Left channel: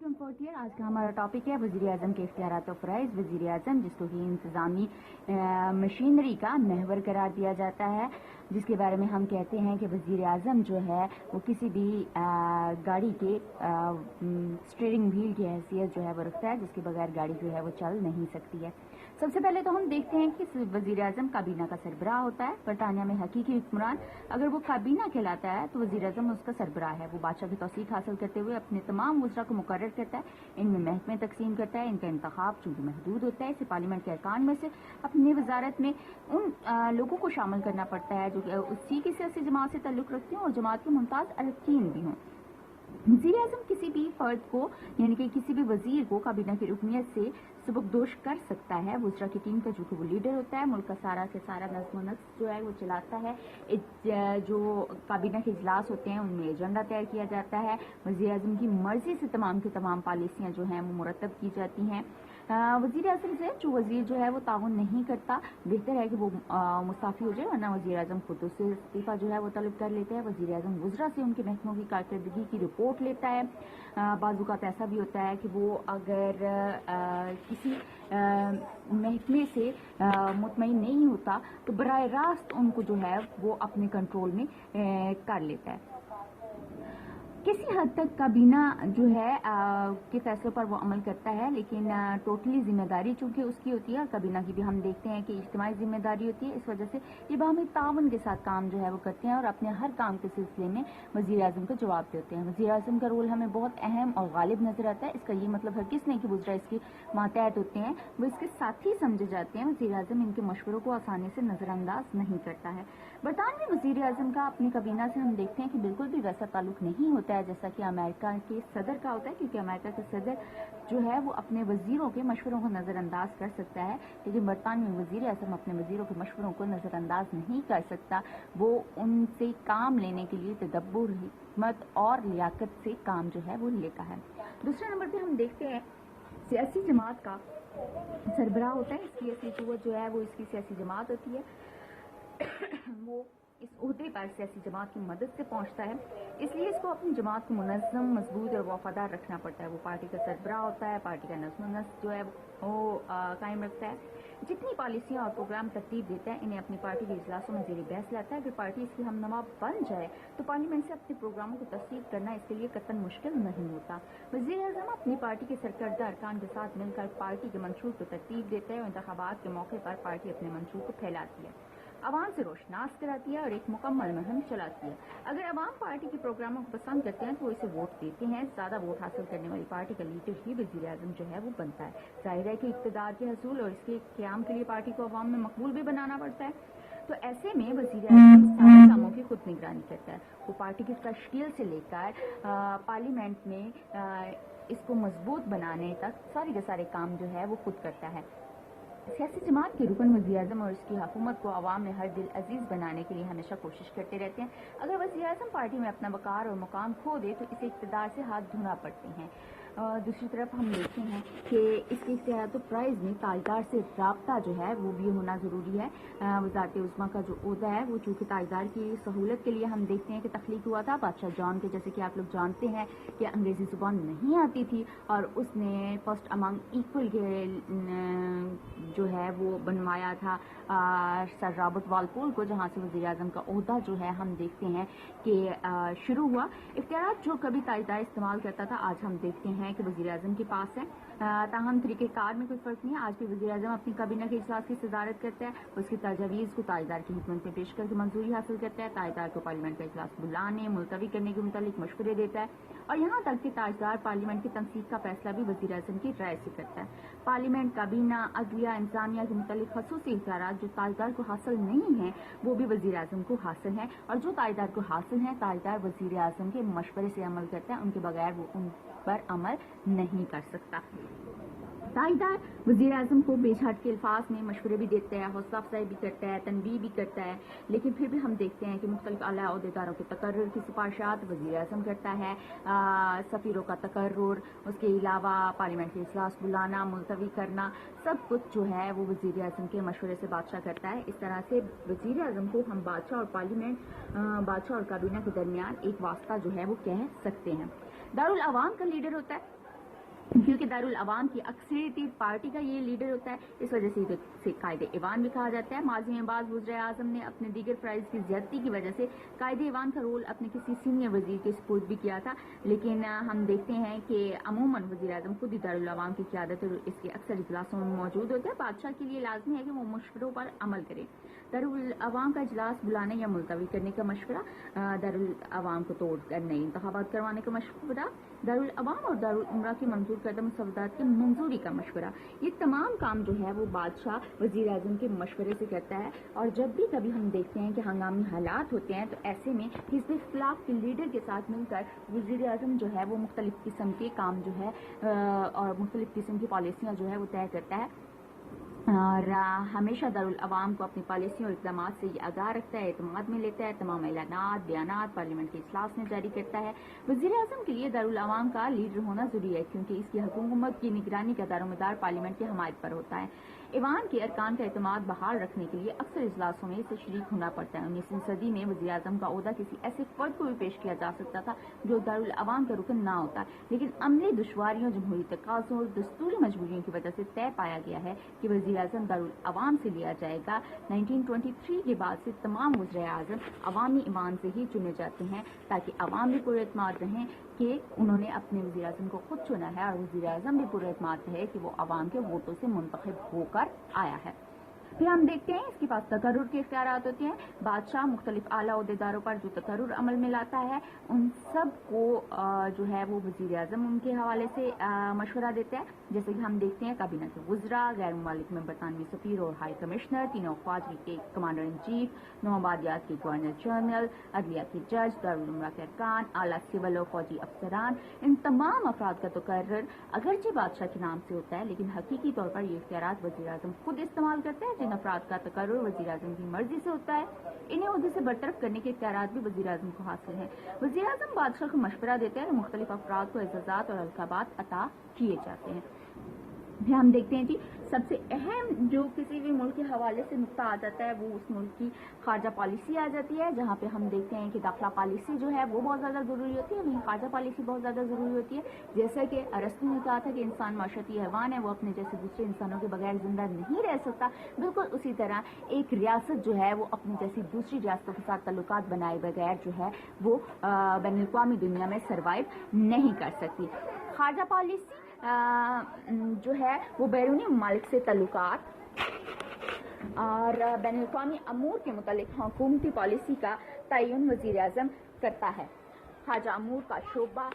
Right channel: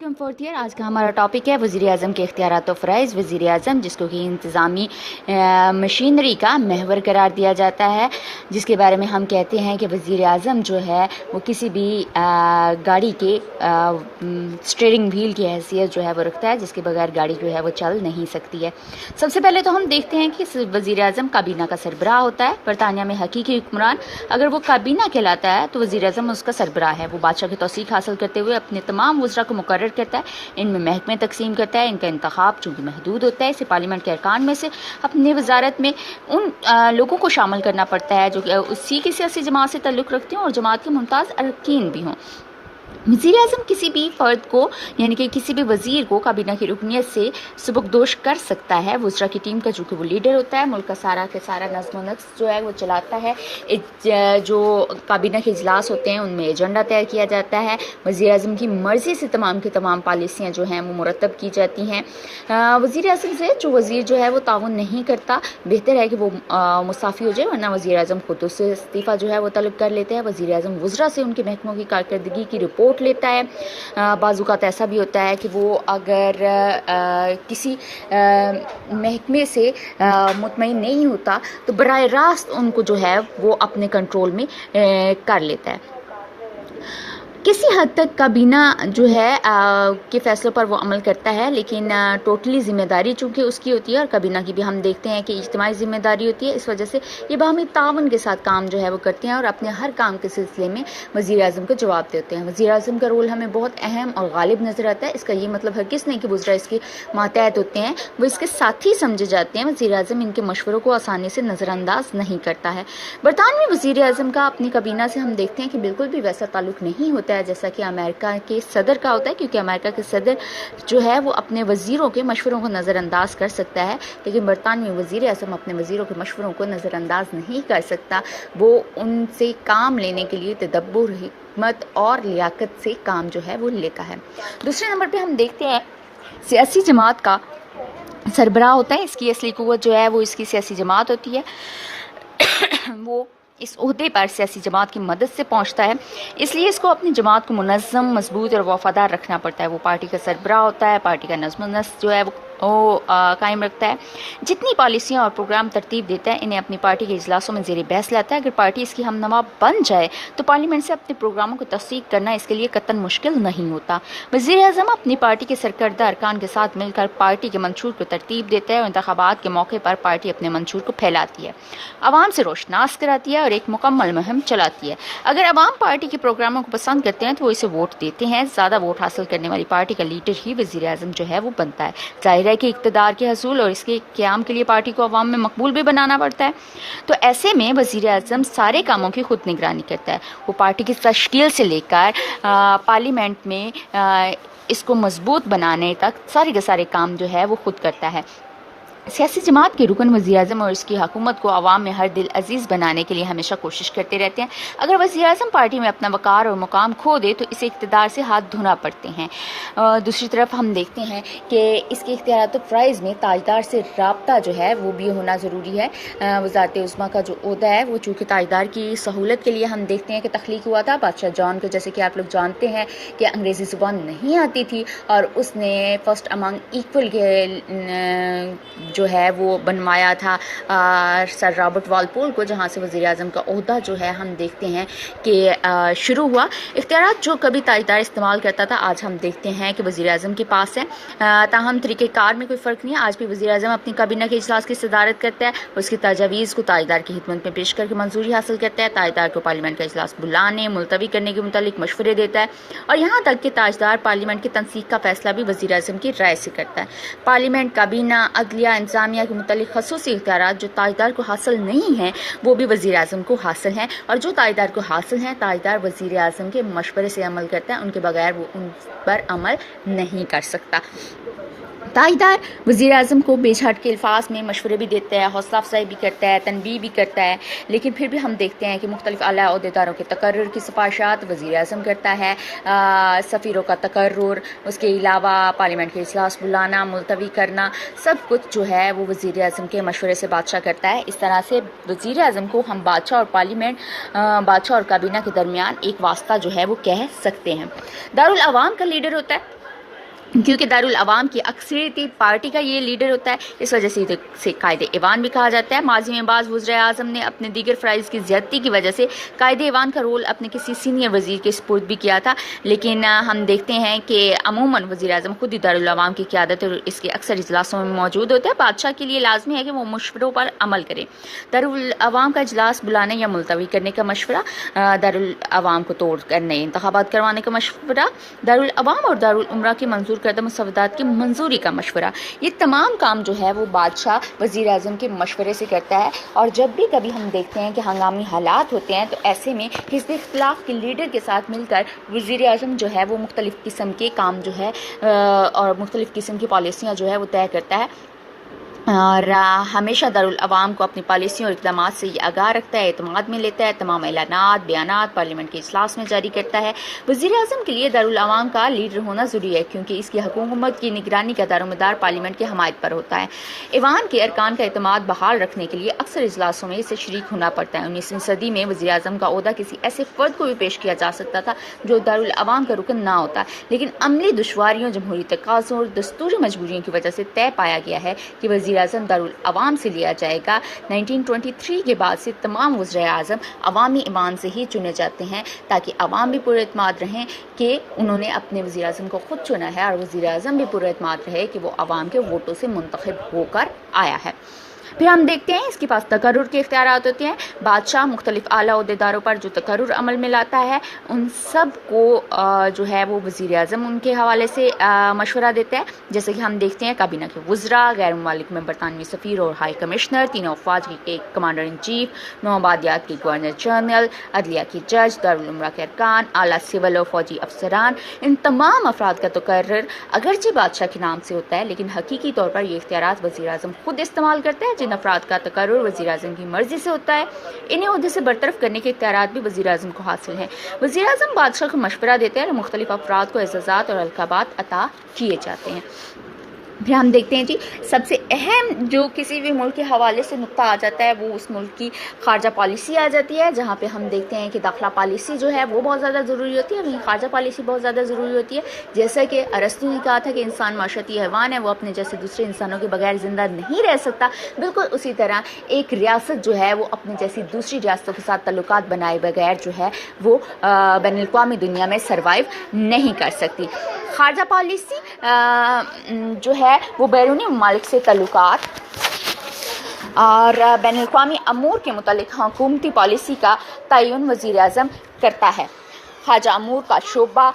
Welcome fourth year. आज का हमारा टॉपिक है वज़ीर आज़म के इख्तियारात और फ़राइज़। वज़ीर आज़म जिसको कि इंतज़ामी मशीनरी का महवर करार दिया जाता है, जिसके बारे में हम कहते हैं कि वज़ीर आज़म जो है वो किसी भी गाड़ी के स्टीयरिंग व्हील की हैसियत जो है वो रखता है, जिसके बगैर गाड़ी जो है वो चल नहीं सकती है। सबसे पहले तो हम देखते हैं कि वज़ीर आज़म काबीना का सरबराह होता है। बरतानिया में हकीकी हुक्मरान अगर वो काबीना कहलाता है तो वज़ीर आज़म उसका सरबराह है। वो बादशाह की तौसीक हासिल करते हुए अपने तमाम वज़रा को मुकर्रर करता है, इनमें महकमे तकसीम करता है। इनका इंतखाब चूँकि महदूद होता है, इसे पार्लियामेंट के अरकान में से अपनी वजारत में उन लोगों को शामिल करना पड़ता है जो उसी की सियासी जमात से ताल्लुक़ रखते हों और जमात के मुमताज़ अरकान भी हों। वज़ीर आज़म किसी भी फ़र्द को यानी कि किसी भी वज़ीर को काबीना की रुकनियत से सुबकदोश कर सकता है। वज़रा की टीम का चूँकि वो लीडर होता है, मुल्क का सारा नज़्म व नस्क़ जो है वो चलाता है। जो काबीना के इजलास होते हैं उनमें एजेंडा तय किया जाता है। वज़ीर आज़म की मर्ज़ी से तमाम की तमाम पॉलिसियाँ जो हैं वो मुरतब की जाती हैं। वज़ीर आज़म से जो वज़ीर जो है वो ताउन नहीं करता, बेहतर है कि वो मुस्ताफ़ी हो जाए, वरना वज़ीर आज़म खुद उससे इस्तीफ़ा जो है वो तलब कर लेते हैं। वज़ीर आज़म वज़रा से उनके महकमों की कारकर्दगी की रिपोर्ट लेता है। बाज़ूक़ात ऐसा भी होता है कि वो अगर किसी महकमे से मुतमईन नहीं होता तो बराह रास्त उनको जो है वो अपने कंट्रोल में कर लेता है। किसी हद तक काबीना जो है के फ़ैसलों पर वो अमल करता है, लेकिन टोटली ज़िम्मेदारी चूँकि उसकी होती है और काबीना की भी हम देखते हैं कि इज्तिमाई ज़िम्मेदारी होती है। इस वजह से ये बाहमी तावन के साथ काम जो है वो करते हैं और अपने हर काम के सिलसिले में वज़ीर आज़म को जवाब देते हैं। वज़ीर आज़म का रोल हमें बहुत अहम और गालिब नज़र आता है। इसका ये मतलब हरगिज़ नहीं कि वज़रा इसके मातहत होते हैं, वो इसके साथी समझे जाते हैं। वज़ीर आज़म इनके मशवरों को आसानी से नज़रअंदाज नहीं करता है। बरतानवी वज़ीर आज़म का अपनी काबीना से हम देखते हैं कि बिल्कुल भी वैसा ताल्लुक़ नहीं होता है जैसा कि अमेरिका के सदर का होता है, क्योंकि अमेरिका के सदर जो है वो अपने वज़ीरों के मशवरों को नज़रअंदाज कर सकता है, लेकिन बरतानवी वज़ीर आज़म अपने वज़ीरों के मशवरों को नज़रअंदाज नहीं कर सकता। वो उनसे काम लेने के लिए तदब्बुर, हिकमत और लियाकत से काम जो है वो लेता है। दूसरे नंबर पे हम देखते हैं सियासी जमात का सरबराह होता है। इसकी असली क़ुव्वत जो है वो इसकी सियासी जमात होती है। वो इस ओहदे पर सियासी जमात की मदद से पहुंचता है, इसलिए इसको अपनी जमात को मुनज़्ज़म, मजबूत और वफ़ादार रखना पड़ता है। वो पार्टी का सरबराह होता है, पार्टी का नज़्म व नस्क़ जो है वो कायम रखता है। जितनी पॉलिसियाँ और प्रोग्राम तरतीब देता है इन्हें अपनी पार्टी के इजलासों में ज़ेर बहस लाता है। अगर पार्टी इसकी हमनवा बन जाए तो पार्लियामेंट से अपने प्रोग्रामों को तस्दीक करना इसके लिए कतन मुश्किल नहीं होता। वज़ीर आज़म अपनी पार्टी के सरकर्दा अरकान के साथ मिलकर पार्टी के मंशूर को तरतीब देता है और इंतखाबात के मौके पर पार्टी अपने मंशूर को फैलाती है, आवाम से रोशनास कराती है और एक मुकम्मल मुहिम चलाती है। अगर आवाम पार्टी के प्रोग्रामों को पसंद करते हैं तो वो इसे वोट देते हैं। ज़्यादा वोट हासिल करने वाली पार्टी का लीडर ही वज़ीर आज़म जो है वो बनता है। ज़ाहिर है कि इक़्तिदार के हसूल और इसके क़याम के लिए पार्टी को अवाम में मकबूल भी बनाना पड़ता है। तो ऐसे में वज़ीर आज़म सारे कामों की खुद निगरानी करता है। वो पार्टी की तश्कील से लेकर पार्लियामेंट में इसको मजबूत बनाने तक सारे के सारे काम जो है वो खुद करता है। सियासी जमात के रुकन वज़ीर आज़म और इसकी हुकूमत को आवाम में हर दिल अजीज़ बनाने के लिए हमेशा कोशिश करते रहते हैं। अगर वज़ीर आज़म पार्टी में अपना वक़ार और मुकाम खो दे तो इसे इक़्तिदार से हाथ धोना पड़ते हैं। दूसरी तरफ हम देखते हैं कि इसके इख्तियारात और फ़राइज़ में ताजदार से रब्ता जो है वो भी होना ज़रूरी है। वज़ारत उज़्मा का जो ओहदा है वो चूँकि ताजदार की सहूलत के लिए हम देखते हैं कि तख्लीक हुआ था। बादशाह जॉन को, जैसे कि आप लोग जानते हैं कि अंग्रेज़ी ज़ुबान नहीं आती थी और उसने फर्स्ट अमंग इक्वल के जो है वो बनवाया था सर रॉबर्ट वालपोल को, जहाँ से वज़ीर आज़म का ओहदा जो है हम देखते हैं कि शुरू हुआ। इख्तियारात जो कभी ताजदार इस्तेमाल करता था आज हम देखते हैं कि वज़ीर आज़म के पास है। ताहम तरीक़ेकार में कोई फ़र्क नहीं है। आज भी वज़ीर आज़म अपनी काबीना के इजलास की सदारत करता है, उसकी तजावीज़ को ताजदार की खिदमत में पेश करके मंजूरी हासिल करता है। ताजदार को पार्लियामेंट का इजलास बुलाने, मुलतवी करने के मुतालिक मशवरे देता है और यहाँ तक कि ताजदार पार्लियामेंट की तनसीक का फ़ैसला भी वज़ीर आज़म की राय से करता है। पार्लियामेंट, काबीना, अदलिया, इंतज़ामिया के मुतालिक खसूसी इख्तियारात जो ताजदार को हासिल नहीं हैं वो भी वज़ीर आज़म को हासिल हैं, और जो ताजदार को हासिल हैं ताजदार वज़ीर आज़म के मशवरे से अमल करता है, उनके बगैर वो उन पर अमल नहीं कर सकता। ताजदार वज़ीर आज़म को बेझट के अल्फाज में मशवरे भी देता है, हौसला अफजाई भी करता है, तनबीह भी करता है, लेकिन फिर भी हम देखते हैं कि मुख्तलिफ आला ओहदेदारों के तकर्रुर की सिफारिशात वज़ीर आज़म करता है। सफ़ीरों का तकर्रुर, उसके अलावा पार्लियामेंट के इजलास बुलाना, मुलतवी करना, सब कुछ जो है वो वज़ीर आज़म के मशवरे से बादशाह करता है। इस तरह से वज़ीर आज़म को हम बादशाह और पार्लियामेंट, बादशाह और काबीना के दरमियान एक वास्ता जो है वो कह सकते हैं। दारुल अवाम का लीडर होता है کیونکہ دارالعوام کی اکثریتی پارٹی کا یہ لیڈر ہوتا ہے، اس وجہ سے قائد ایوان بھی کہا جاتا ہے۔ ماضی میں بعض وزرائے اعظم نے اپنے دیگر فرائض کی زیادتی کی وجہ سے قائد ایوان کا رول اپنے کسی سینئر وزیر کے سپرد بھی کیا تھا، لیکن ہم دیکھتے ہیں کہ عموماً وزیر اعظم خود ہی دارالعوام کی قیادت اور اس کے اکثر اجلاسوں میں موجود ہوتے ہیں۔ بادشاہ کے لیے لازمی ہے کہ وہ مشوروں پر عمل کرے۔ دارالعوام کا اجلاس بلانے یا ملتوی کرنے کا مشورہ، دارالعوام کو توڑ کر نئے انتخابات کروانے کا مشورہ، دارالعوام اور دارالعمرہ کی منظور کردہ مسودات کی منظوری کا مشورہ، یہ تمام کام جو ہے وہ بادشاہ وزیر اعظم کے مشورے سے کرتا ہے۔ اور جب بھی کبھی ہم دیکھتے ہیں کہ ہنگامی حالات ہوتے ہیں تو ایسے میں حزب اختلاف کے لیڈر کے ساتھ مل کر وزیر اعظم جو ہے وہ مختلف قسم کے کام جو ہے اور مختلف قسم کی پالیسیاں جو ہے وہ طے کرتا ہے، اور ہمیشہ دارالعوام کو اپنی پالیسیوں اور اقدامات سے یہ آگاہ رکھتا ہے، اعتماد میں لیتا ہے، تمام اعلانات بیانات پارلیمنٹ کے اجلاس میں جاری کرتا ہے۔ وزیر اعظم کے لیے دارالعوام کا لیڈر ہونا ضروری ہے کیونکہ اس کی حکومت کی نگرانی کا دار و مدار پارلیمنٹ کی حمایت پر ہوتا ہے۔ ایوان کے ارکان کا اعتماد بحال رکھنے کے لیے اکثر اجلاسوں میں اسے شریک ہونا پڑتا ہے۔ 19ویں صدی میں وزیر اعظم کا عہدہ کسی ایسے فرد کو بھی پیش کیا جا سکتا تھا جو دارالعوام کا رکن نہ ہوتا، لیکن عملی دشواریوں، جمہوری تقاضوں اور دستوری مجبوریوں کی وجہ سے طے پایا گیا ہے کہ وزیر اعظم دارالعوام سے لیا جائے گا۔ 1923 کے بعد سے تمام وزرائے اعظم عوامی ایوان سے ہی چنے جاتے ہیں تاکہ عوام بھی پورے اعتماد رہیں کہ انہوں نے اپنے وزیر اعظم کو خود چنا ہے، اور وزیر اعظم بھی پورے اعتماد رہے کہ وہ عوام کے ووٹوں سے منتخب ہو کر آیا ہے۔ پھر ہم دیکھتے ہیں اس کے پاس تقرر کے اختیارات ہوتے ہیں۔ بادشاہ مختلف اعلیٰ عہدیداروں پر جو تقرر عمل میں لاتا ہے ان سب کو جو ہے وہ وزیر اعظم ان کے حوالے سے مشورہ دیتا ہے، جیسے کہ ہم دیکھتے ہیں کابینہ کے وزراء، غیر ممالک میں برطانوی سفیر اور ہائی کمشنر، تینوں افواج کے کمانڈر ان چیف، 9 آبادیات کے گورنر جنرل، عدلیہ کے جج، دارالعمرہ کے ارکان، اعلیٰ سول اور فوجی افسران، ان تمام افراد کا تقرر اگرچہ بادشاہ کے نام سے ہوتا ہے لیکن حقیقی طور پر یہ اختیارات وزیر اعظم خود استعمال کرتا ہے۔ جن افراد کا تقرر وزیر اعظم کی مرضی سے ہوتا ہے انہیں عہدے سے برطرف کرنے کے اختیارات بھی وزیر اعظم کو حاصل ہیں۔ وزیر اعظم بادشاہ کو مشورہ دیتے ہیں اور مختلف افراد کو اعزازات اور القابات عطا کیے جاتے ہیں۔ پھر ہم دیکھتے ہیں جی سب سے اہم جو کسی بھی ملک کے حوالے سے نقطہ آ جاتا ہے وہ اس ملک کی خارجہ پالیسی آ جاتی ہے، جہاں پہ ہم دیکھتے ہیں کہ داخلہ پالیسی جو ہے وہ بہت زیادہ ضروری ہوتی ہے، وہیں خارجہ پالیسی بہت زیادہ ضروری ہوتی ہے۔ جیسا کہ ارسطو نے کہا تھا کہ انسان معاشرتی حیوان ہے، وہ اپنے جیسے دوسرے انسانوں کے بغیر زندہ نہیں رہ سکتا، بالکل اسی طرح ایک ریاست جو ہے وہ اپنے جیسی دوسری ریاستوں کے ساتھ تعلقات بنائے بغیر جو ہے وہ بین الاقوامی دنیا میں سروائیو نہیں کر سکتی۔ خارجہ پالیسی جو ہے وہ بیرونی ممالک سے تعلقات اور بین الاقوامی امور کے متعلق حکومتی پالیسی کا تعین وزیر اعظم کرتا ہے۔ خارجہ امور کا شعبہ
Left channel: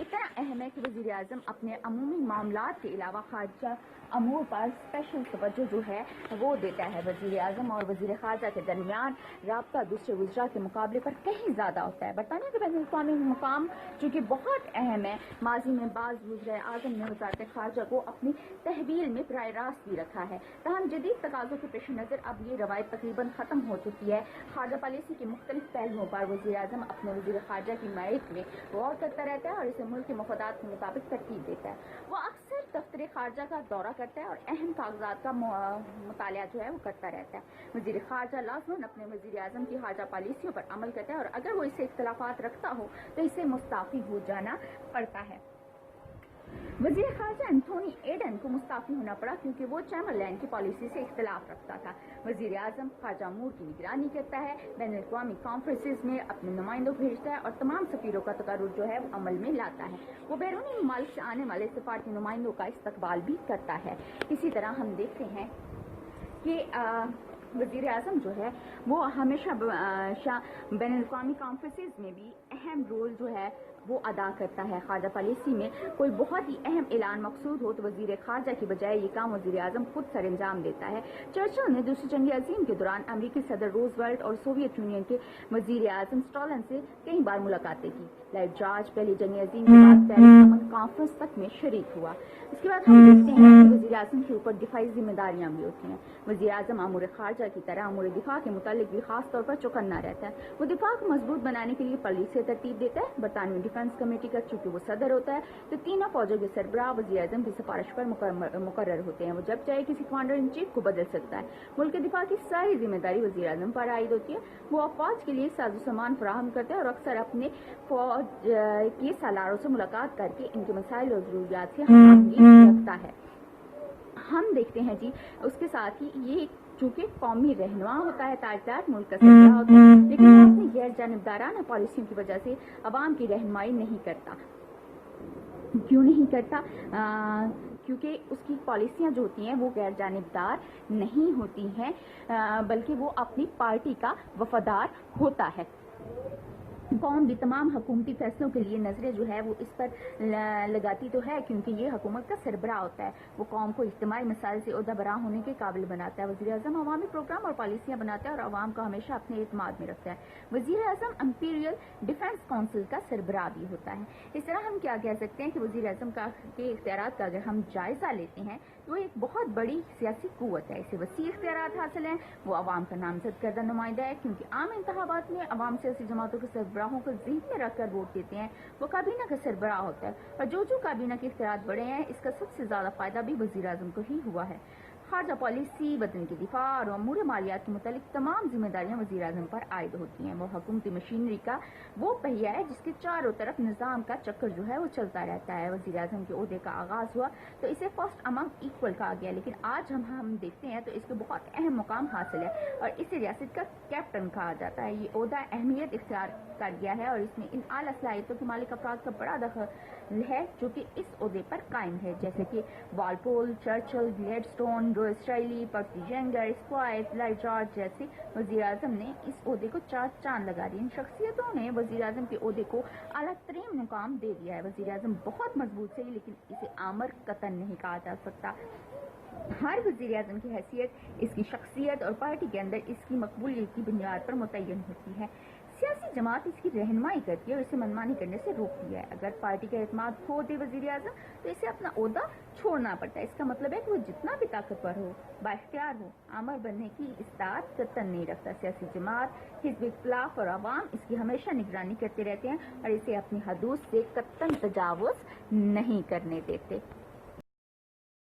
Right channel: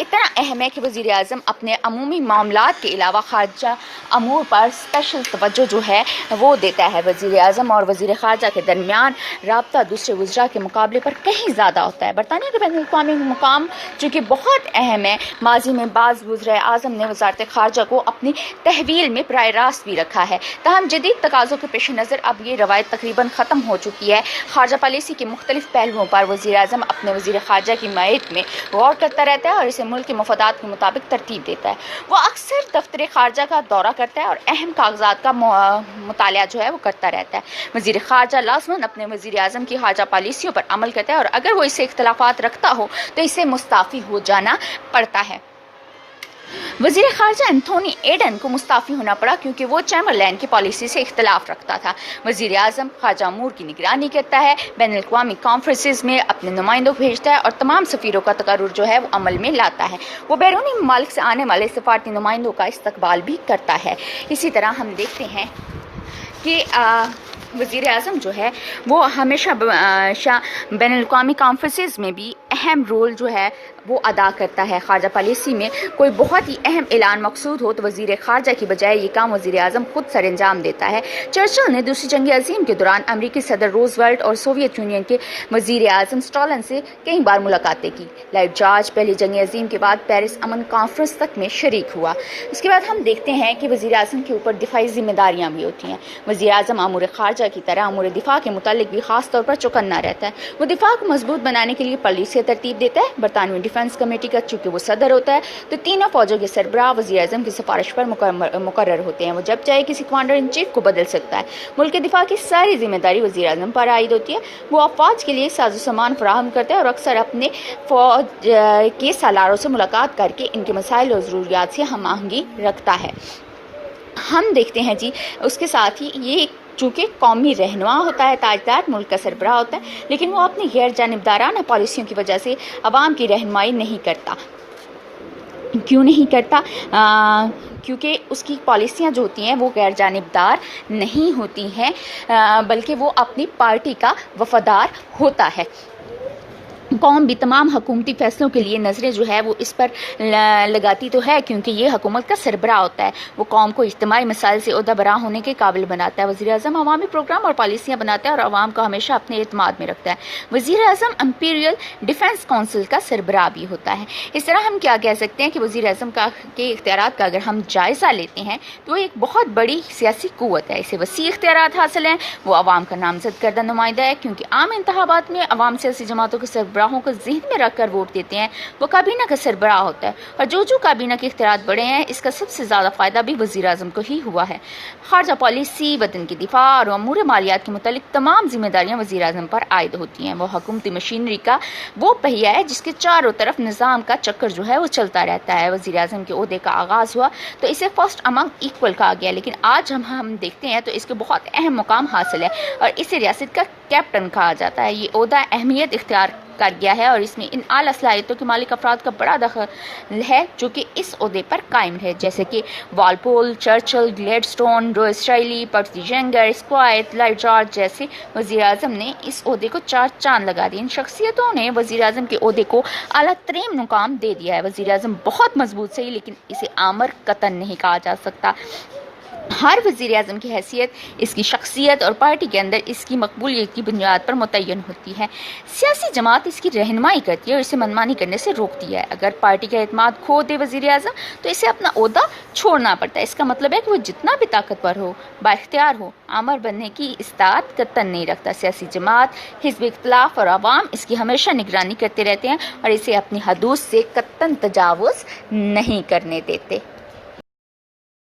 اتنا اہم ہے کہ وزیر اعظم اپنے عمومی معاملات کے علاوہ خارجہ امور پر اسپیشل توجہ جو ہے وہ دیتا ہے۔ وزیر اعظم اور وزیر خارجہ کے درمیان رابطہ دوسرے وزراء کے مقابلے پر کہیں زیادہ ہوتا ہے۔ برطانیہ کے بین الاقوامی مقام چونکہ بہت اہم ہے، ماضی میں بعض وزرائے اعظم نے وزارت خارجہ کو اپنی تحویل میں براہ راست بھی رکھا ہے، تاہم جدید تقاضوں کے پیش نظر اب یہ روایت تقریباً ختم ہو چکی ہے۔ خارجہ پالیسی کے مختلف پہلوؤں پر وزیر اعظم اپنے وزیر خارجہ کی حمایت میں غور کرتا رہتا ہے اور اسے ملک کے مفادات کے مطابق ترتیب دیتا ہے۔ وہ اکثر دفتر خارجہ کا دورہ کرتا ہے اور اہم کاغذات کا مطالعہ جو ہے وہ کرتا رہتا ہے۔ وزیر خارجہ لازماً اپنے وزیر اعظم کی خارجہ پالیسیوں پر عمل کرتا ہے اور اگر وہ اس سے اختلافات رکھتا ہو تو اسے مستعفی ہو جانا پڑتا ہے۔ وزیر خارجہ انتھونی ایڈن کو مستعفی ہونا پڑا کیونکہ وہ چیمبرلین کی پالیسی سے اختلاف رکھتا تھا۔ وزیر اعظم خارجہ امور کی نگرانی کرتا ہے، بین الاقوامی کانفرنسز میں اپنے نمائندوں کو بھیجتا ہے اور تمام سفیروں کا تقرر جو ہے وہ عمل میں لاتا ہے۔ وہ بیرونی ممالک سے آنے والے سفارتی نمائندوں کا استقبال بھی کرتا ہے۔ اسی طرح ہم دیکھتے ہیں کہ وزیر اعظم جو ہے وہ ہمیشہ بین الاقوامی کانفرنسز میں بھی اہم رول جو ہے وہ ادا کرتا ہے۔ خارجہ پالیسی میں کوئی بہت ہی اہم اعلان مقصود ہو تو وزیر خارجہ کی بجائے یہ کام وزیر اعظم خود سر انجام دیتا ہے۔ چرچل نے دوسری جنگ عظیم کے دوران امریکی صدر روزویلٹ اور سوویت یونین کے وزیر اعظم سٹالن سے کئی بار ملاقاتیں کی۔ لائٹ جارج پہلی جنگ عظیم کے بعد پیرس امن کانفرنس تک میں شریک ہوا۔ اس کے بعد ہم دیکھتے ہیں کہ وزیر اعظم کے اوپر دفاعی ذمہ داریاں بھی ہوتی ہیں۔ وزیر اعظم امور خارجہ کی طرح امور دفاع کے متعلق بھی خاص طور پر چوکنا رہتا ہے۔ وہ دفاع کو مضبوط بنانے کے لیے پالیسیاں ترتیب دیتا ہے۔ برطانوی ڈیفنس डिफेंस कमेटी का, चूँकि वो सदर होता है, तो तीनों फौजों के सरबराह वज़ीर-ए-आज़म की सिफारिश पर मुकर्रर होते हैं। वो जब चाहे किसी कमांडर इन चीफ को बदल सकता है। मुल्क के दिफा की सारी जिम्मेदारी वज़ीर-ए-आज़म पर आयद होती है। वो अफवाज के लिए साजो सामान फराहम करता है और अक्सर अपने फौज के सालारों से मुलाकात करके इनके मसाइल और ज़रूरियात से हम आहंगी रखता है। हम देखते हैं जी, उसके साथ ही ये चूँकि कौमी रहनुमा होता है, ताजदार, मुल्क का सरबराह होता है, लेकिन वो अपनी गैर जानिबदाराना पॉलिसियों की वजह से अवाम की रहनुमाई नहीं करता। क्यों नहीं करता? क्योंकि उसकी पॉलिसियाँ जो होती हैं वो गैर जानिबदार नहीं होती हैं, बल्कि वो अपनी पार्टी का वफादार होता है। कौम भी तमाम हुकूमती फ़ैसलों के लिए नज़रें जो है वो इस पर लगाती तो है, क्योंकि ये हुकूमत का सरबराह होता है। वो कौम को इज्तिमाई मसाइल से ओहदा बरा होने के काबिल बनाता है। वज़ीर-ए-आज़म अवामी प्रोग्राम और पॉलिसियाँ बनाता है और अवाम को हमेशा अपने एतमाद में रखता है। वज़ीर-ए-आज़म इम्पीरियल डिफेंस काउंसिल का सरबराह भी होता है। इस तरह हम क्या कह सकते हैं कि वज़ीर-ए-आज़म के इख्तियारात का अगर हम जायज़ा लेते हैं तो एक बहुत बड़ी सियासी क़ुव्वत है। इसे वसी इख्तियारात हासिल हैं। वो अवाम का नामज़द करदा नुमाइंदा है, क्योंकि आम इंतखाबात में अवाम सियासी जमातों के सरबराहों को ज़हन में रख कर वोट देते हैं। वो काबीना का सरबराह होता है और जो काबीना के इख्तियारात बढ़े हैं, इसका सबसे ज़्यादा फ़ायदा भी वज़ीर-ए-आज़म को ही हुआ है। ख़ारजा पॉलिसी, वतन की दिफा और अमूर मालियात के मुतालिक तमाम जिम्मेदारियाँ वज़ीर-ए-आज़म पर आयद होती हैं। वो हुकूमती मशीनरी का वो पहिया है जिसके चारों तरफ निज़ाम का चक्कर जो है वो चलता रहता है। वज़ीर-ए-आज़म के ओहदे का आगाज़ हुआ तो इसे फर्स्ट अमंग इक्वल कहा गया, लेकिन आज हम देखते हैं तो इसके बहुत अहम मुकाम हासिल है और इसे रियासत का कैप्टन कहा जाता है। ये ओहदा अहमियत इख्तियार कर गया है और इसमें इन आला सलाहियतों के मालिक अफराद का बड़ा दखल है जो कि इस ओहदे पर कायम है, जैसे कि वालपोल, चर्चिल, ग्लैडस्टोन, रोज़वेली, पर्सी जेंगर, स्क्वाइट, लॉयड जॉर्ज जैसे वज़ीर-ए-आज़म ने इस ओहदे को 4 चांद लगा दिए। इन शख्सियतों ने वज़ीर-ए-आज़म के ओहदे को आला तरीन मुकाम दे दिया है। वज़ीर-ए-आज़म बहुत मजबूत सही, लेकिन इसे आमर कतन नहीं कहा जा सकता। हर वज़ीर-ए-आज़म की हैसियत इसकी शख्सियत और पार्टी के अंदर इसकी मकबूलियत की बुनियाद पर मुतय्यन होती है। सियासी जमात इसकी रहनुमाई करती है और इसे मनमानी करने से रोकती है। अगर पार्टी का एतमाद खो दे वज़ीर-ए-आज़म तो इसे अपना ओहदा छोड़ना पड़ता है। इसका मतलब है कि वो जितना भी ताकतवर हो, बाइख्तियार हो, आमर बनने की इस्तात कतन नहीं रखता। सियासी जमात, हिज़्ब इख्तिलाफ और अवाम इसकी हमेशा निगरानी करते रहते हैं और इसे अपनी हदूद से कतन तजावुज़ नहीं करने देते।